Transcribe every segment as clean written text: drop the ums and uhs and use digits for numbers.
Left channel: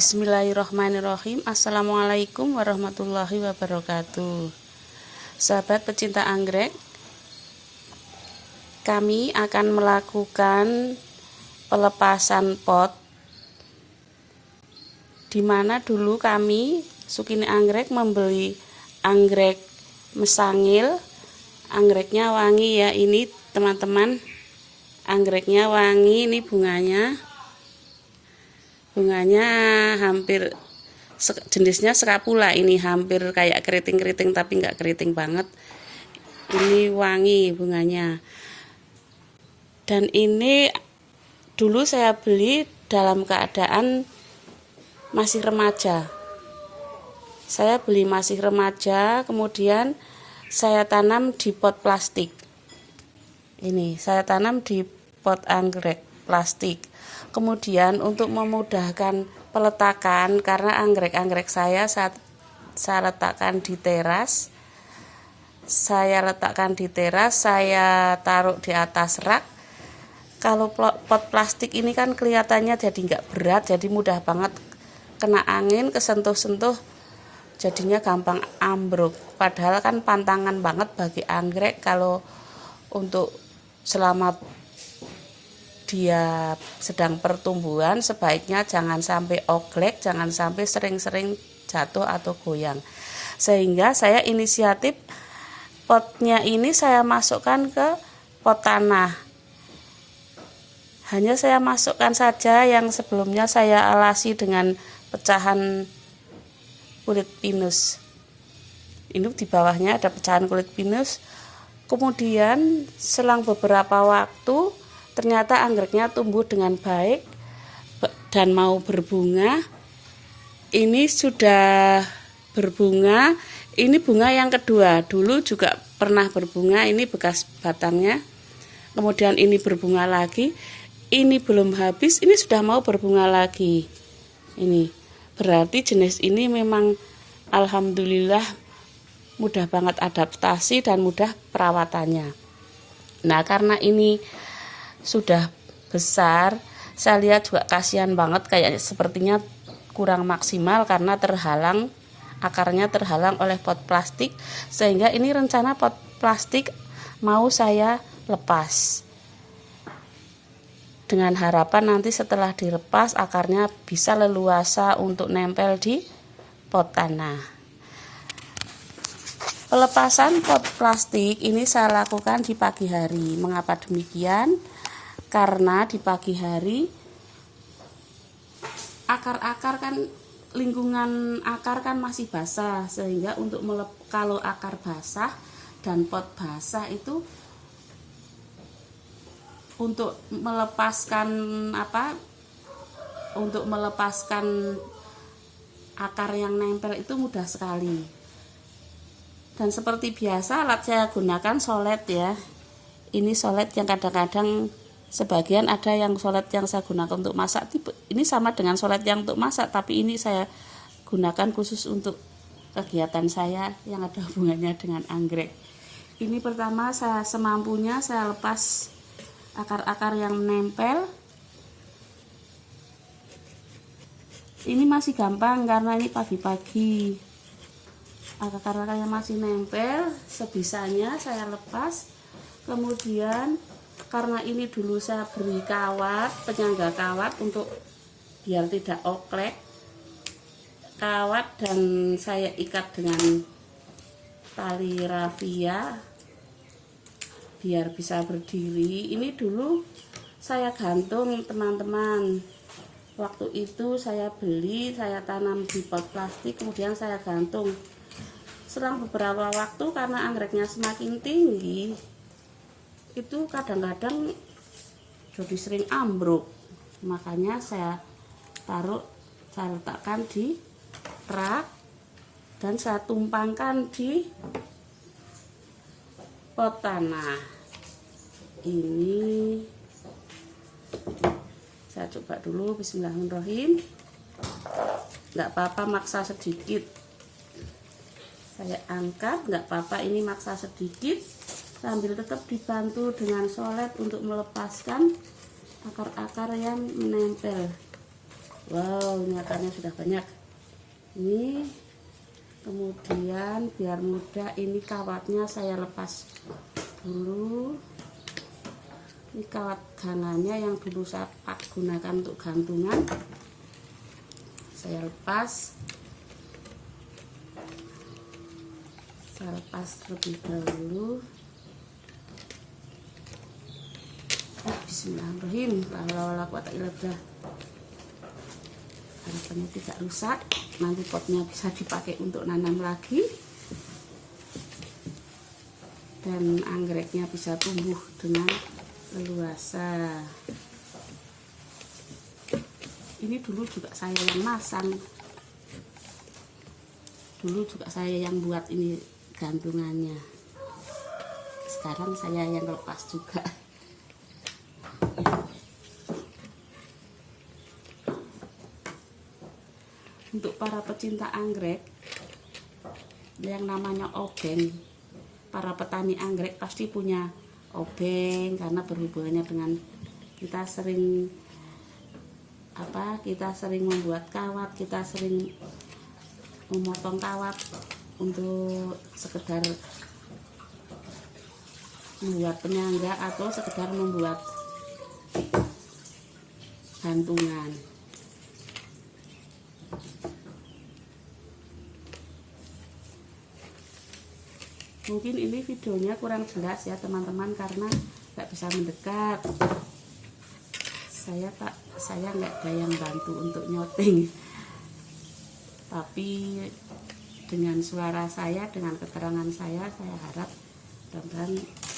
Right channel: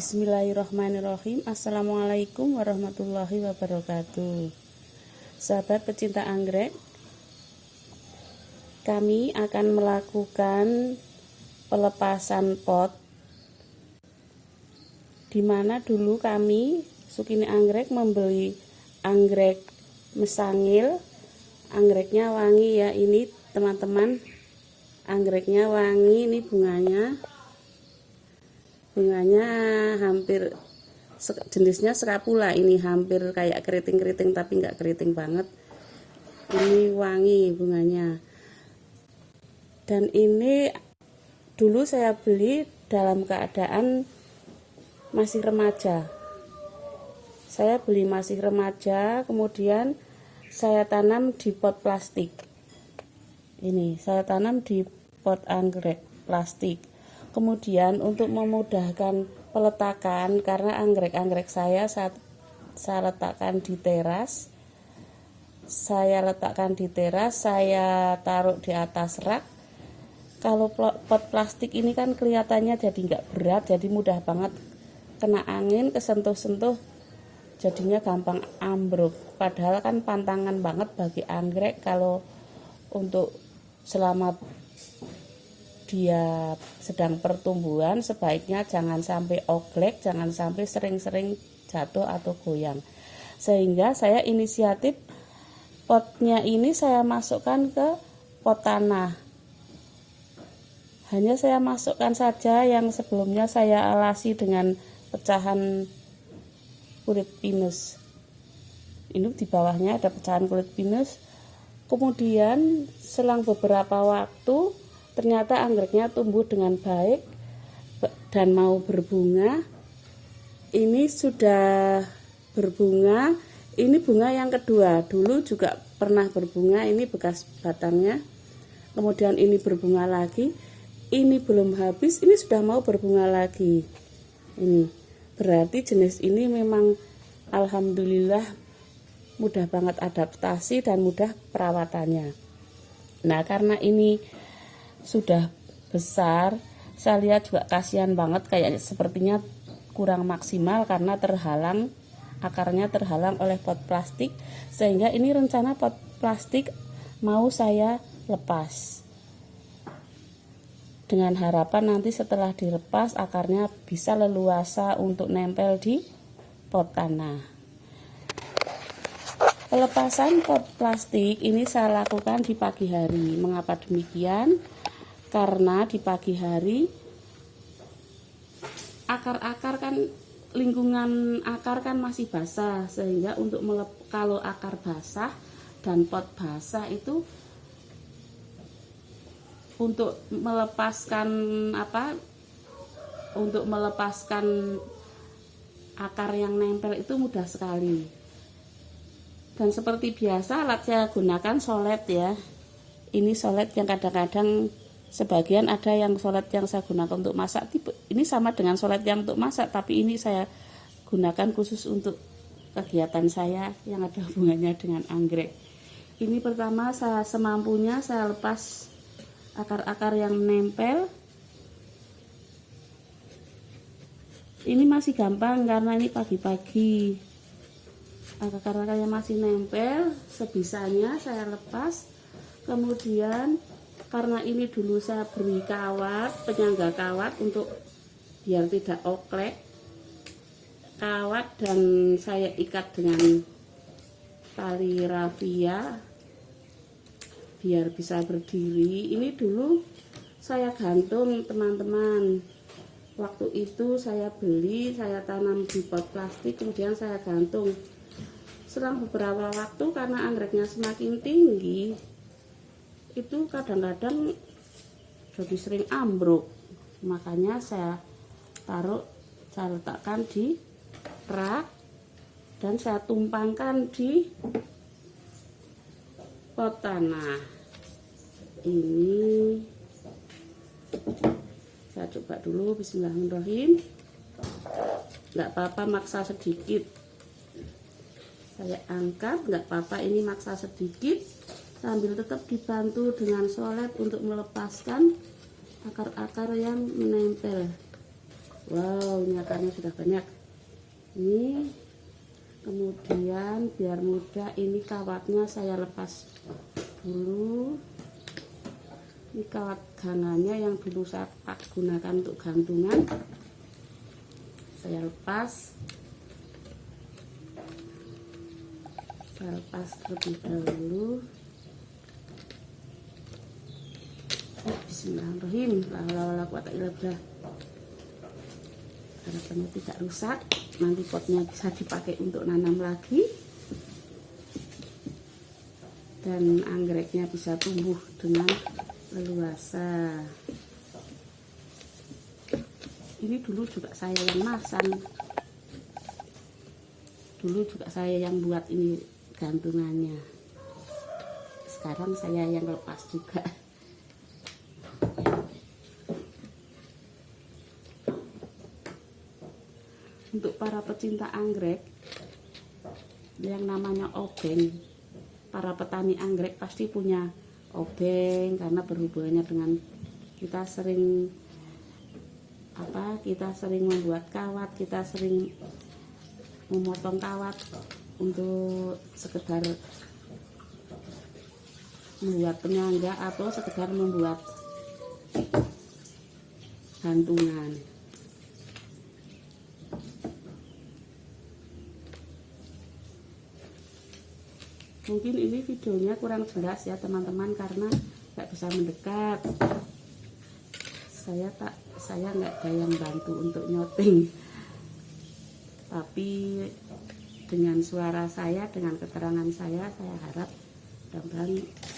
Bismillahirrahmanirrahim. Assalamualaikum warahmatullahi wabarakatuh. Sahabat pecinta anggrek, kami akan melakukan pelepasan pot, dimana dulu kami Sukini Anggrek membeli anggrek mesangil. Anggreknya wangi ya, ini teman-teman, anggreknya wangi. Ini bunganya hampir jenisnya skapula, ini hampir kayak keriting-keriting tapi nggak keriting banget. Ini wangi bunganya. Dan ini dulu saya beli dalam keadaan masih remaja. Saya beli masih remaja, kemudian saya tanam di pot plastik. Ini saya tanam di pot anggrek plastik. Kemudian untuk memudahkan peletakan, karena anggrek-anggrek saya saat saya letakkan di teras, saya taruh di atas rak. Kalau pot plastik ini kan kelihatannya jadi nggak berat, jadi mudah banget kena angin, kesentuh-sentuh, jadinya gampang ambruk. Padahal kan pantangan banget bagi anggrek kalau untuk selama dia sedang pertumbuhan, sebaiknya jangan sampai oglek, jangan sampai sering-sering jatuh atau goyang. Sehingga saya inisiatif potnya ini saya masukkan ke pot tanah. Hanya saya masukkan saja yang sebelumnya saya alasi dengan pecahan kulit pinus. Ini di bawahnya ada pecahan kulit pinus. Kemudian selang beberapa waktu ternyata anggreknya tumbuh dengan baik dan mau berbunga. Ini sudah berbunga. Ini bunga yang kedua. Dulu juga pernah berbunga, ini bekas batangnya. Kemudian ini berbunga lagi. Ini belum habis, ini sudah mau berbunga lagi. Ini berarti jenis ini memang alhamdulillah mudah banget adaptasi dan mudah perawatannya. Nah, karena ini sudah besar, saya lihat juga kasihan banget, kayak sepertinya kurang maksimal karena akarnya terhalang oleh pot plastik, sehingga ini rencana pot plastik mau saya lepas dengan harapan nanti setelah dilepas akarnya bisa leluasa untuk nempel di pot tanah. Pelepasan pot plastik ini saya lakukan di pagi hari. Mengapa demikian? Karena di pagi hari akar-akar kan, lingkungan akar kan masih basah, sehingga untuk kalau akar basah dan pot basah itu untuk melepaskan akar yang nempel itu mudah sekali. Dan seperti biasa alat saya gunakan solet ya. Ini solet yang kadang-kadang sebagian ada yang solet yang saya gunakan untuk masak. Ini sama dengan solet yang untuk masak, tapi ini saya gunakan khusus untuk kegiatan saya yang ada hubungannya dengan anggrek. Ini pertama saya semampunya saya lepas akar-akar yang menempel. Ini masih gampang karena ini pagi-pagi. Akar-akar yang masih nempel sebisanya saya lepas. Kemudian karena ini dulu saya beri kawat, penyangga kawat untuk biar tidak oklek, kawat, dan saya ikat dengan tali rafia biar bisa berdiri. Ini dulu saya gantung teman-teman. Waktu itu saya beli, saya tanam di pot plastik, kemudian saya gantung. Selang beberapa waktu karena anggreknya semakin tinggi, itu kadang-kadang jadi sering ambruk. Makanya saya letakkan di rak dan saya tumpangkan di pot tanah. Ini saya coba dulu, bismillahirrahmanirrahim. Nggak apa-apa maksa sedikit, saya angkat, nggak apa-apa, ini maksa sedikit sambil tetap dibantu dengan solet untuk melepaskan akar-akar yang menempel. Wow, ini akarnya sudah banyak. Ini kemudian biar mudah, ini kawatnya saya lepas dulu. Ini kawat ganannya yang dulu saya gunakan untuk gantungan, saya lepas terlebih dahulu. Bismillahirrahmanirrahim. La quwwata illa billah. Ini tidak rusak, nanti potnya bisa dipakai untuk nanam lagi dan anggreknya bisa tumbuh dengan leluasa. Ini dulu juga saya yang masang, dulu juga saya yang buat ini gantungannya, sekarang saya yang lepas juga. Untuk para pecinta anggrek yang namanya obeng, para petani anggrek pasti punya obeng karena berhubungannya dengan kita sering membuat kawat, kita sering memotong kawat untuk sekedar membuat penyangga atau sekedar membuat gantungan. Mungkin ini videonya kurang jelas ya teman-teman karena nggak bisa mendekat. Saya nggak ada yang bantu untuk nyoteng, tapi dengan suara saya, dengan keterangan saya harap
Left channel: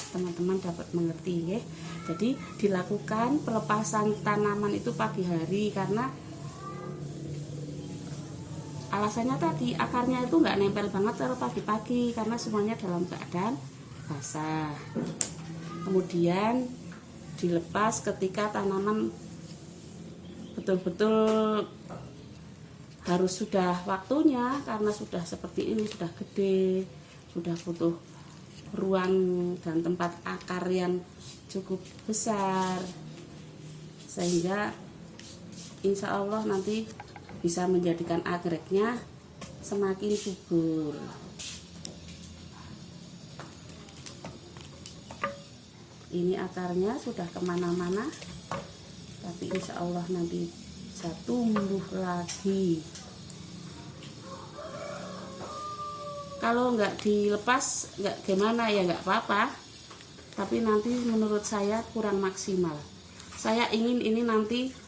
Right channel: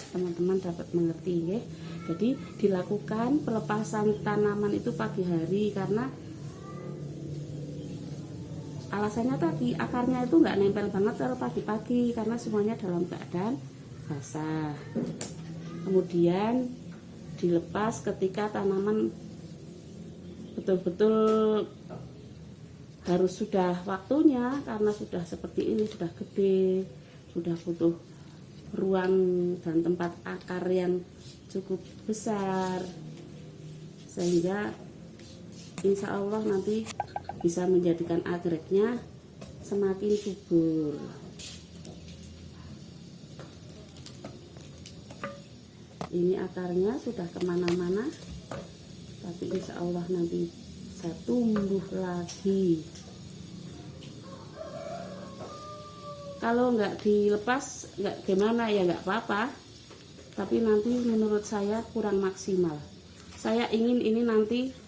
teman-teman dapat mengerti ya. Jadi dilakukan pelepasan tanaman itu pagi hari karena alasannya tadi akarnya itu nggak nempel banget kalau pagi-pagi karena semuanya dalam keadaan basah. Kemudian dilepas ketika tanaman betul-betul harus sudah waktunya karena sudah seperti ini, sudah gede, sudah butuh ruang dan tempat akar yang cukup besar, sehingga insya Allah nanti bisa menjadikan anggreknya semakin subur. Ini akarnya sudah kemana-mana, tapi insya Allah nanti bisa tumbuh lagi. Kalau nggak dilepas nggak gimana ya nggak apa-apa, tapi nanti menurut saya kurang maksimal. Saya ingin ini nanti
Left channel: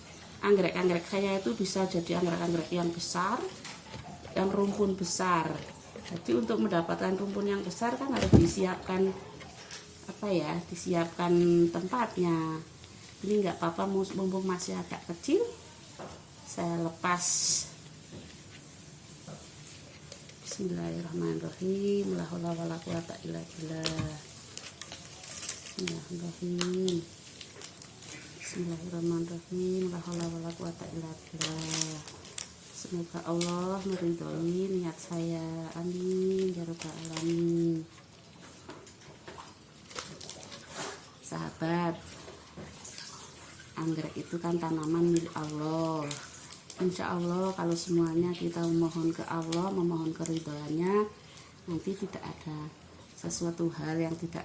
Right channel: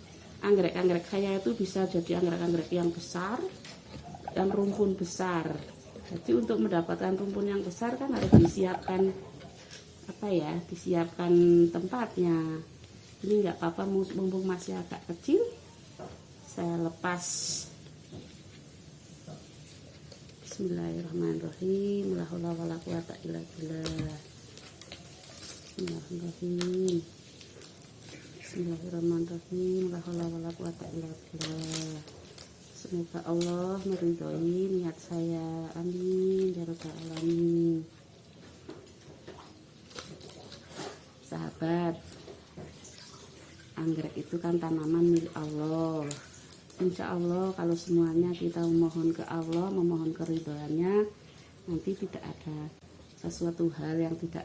anggrek-anggrek saya itu bisa jadi anggrek-anggrek yang besar, yang rumpun besar. Jadi untuk mendapatkan rumpun yang besar kan harus disiapkan disiapkan tempatnya. Ini nggak apa-apa, mumpung masih agak kecil, saya lepas. Bismillahirrahmanirrahim. La haula wala quwwata illa billah. Bismillahirrahmanirrahim. Bismillahirrahmanirrahim. La haula wala quwwata illa billah. Semoga Allah meridhoi niat saya. Amin ya rabbal alamin. Sahabat, anggrek itu kan tanaman milik Allah. Insya Allah kalau semuanya kita memohon ke Allah, memohon keridhaannya, nanti tidak ada sesuatu hal yang tidak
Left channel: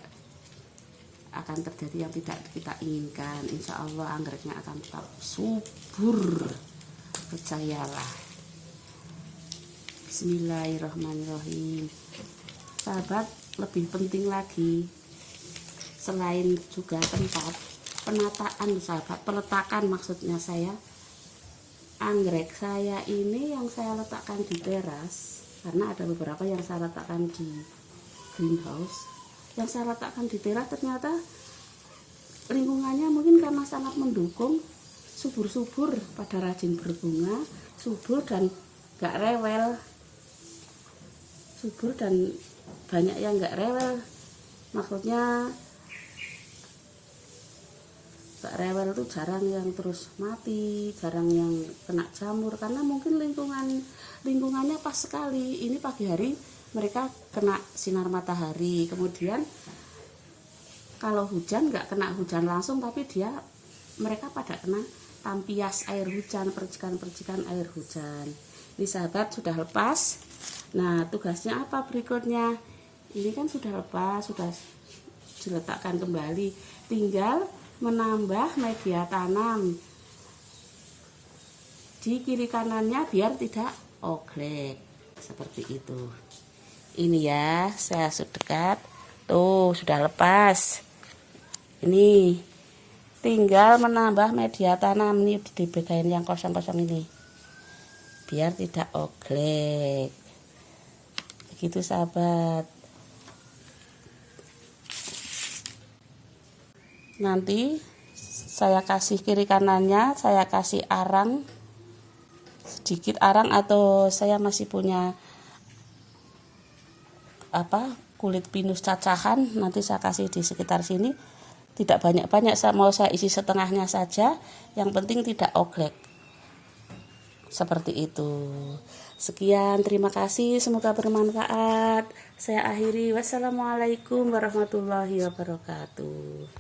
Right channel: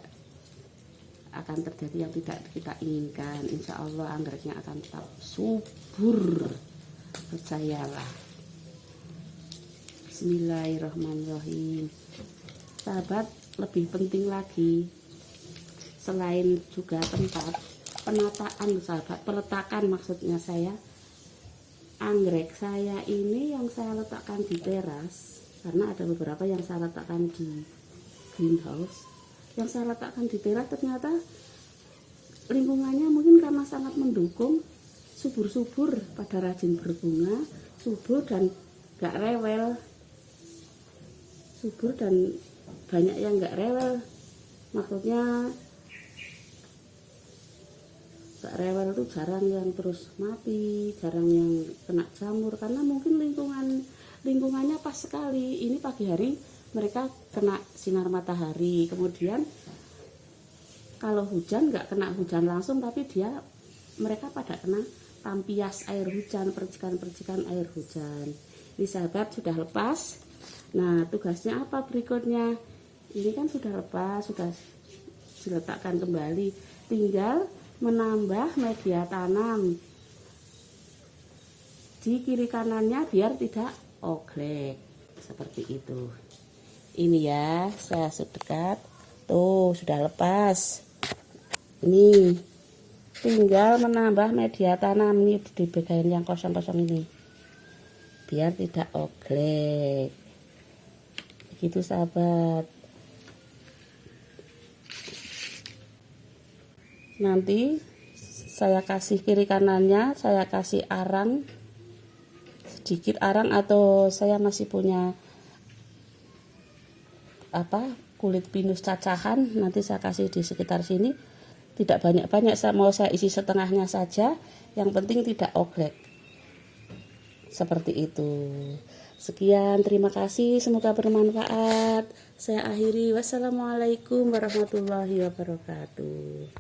akan terjadi yang tidak kita inginkan. Insya Allah anggreknya akan tetap subur, percayalah. Bismillahirrahmanirrahim. Sahabat, lebih penting lagi selain juga tempat penataan, sahabat, peletakan maksudnya saya, anggrek saya ini yang saya letakkan di teras, karena ada beberapa yang saya letakkan di greenhouse. Yang saya letakkan di teras ternyata lingkungannya mungkin karena sangat mendukung, subur-subur, pada rajin berbunga, subur dan gak rewel, subur dan banyak yang gak rewel. Maksudnya gak rewel itu jarang yang terus mati, jarang yang kena jamur, karena mungkin lingkungannya pas sekali. Ini pagi hari mereka kena sinar matahari, kemudian kalau hujan nggak kena hujan langsung, tapi mereka pada kena tampias air hujan, percikan-percikan air hujan. Ini sahabat sudah lepas. Nah, tugasnya apa berikutnya? Ini kan sudah lepas, sudah diletakkan kembali. Tinggal menambah media tanam di kiri kanannya biar tidak oglek. Seperti itu. Ini ya, saya dekat. Tuh, sudah lepas. Ini tinggal menambah media tanam nih di bagian yang kosong-kosong ini. Biar tidak oglek. Begitu sahabat. Nanti saya kasih kiri kanannya, saya kasih arang, sedikit arang, atau saya masih punya kulit pinus cacahan, nanti saya kasih di sekitar sini. Tidak banyak-banyak, mau saya isi setengahnya saja, yang penting tidak oglek. Seperti itu. Sekian, terima kasih, semoga bermanfaat. Saya akhiri, wassalamualaikum warahmatullahi wabarakatuh.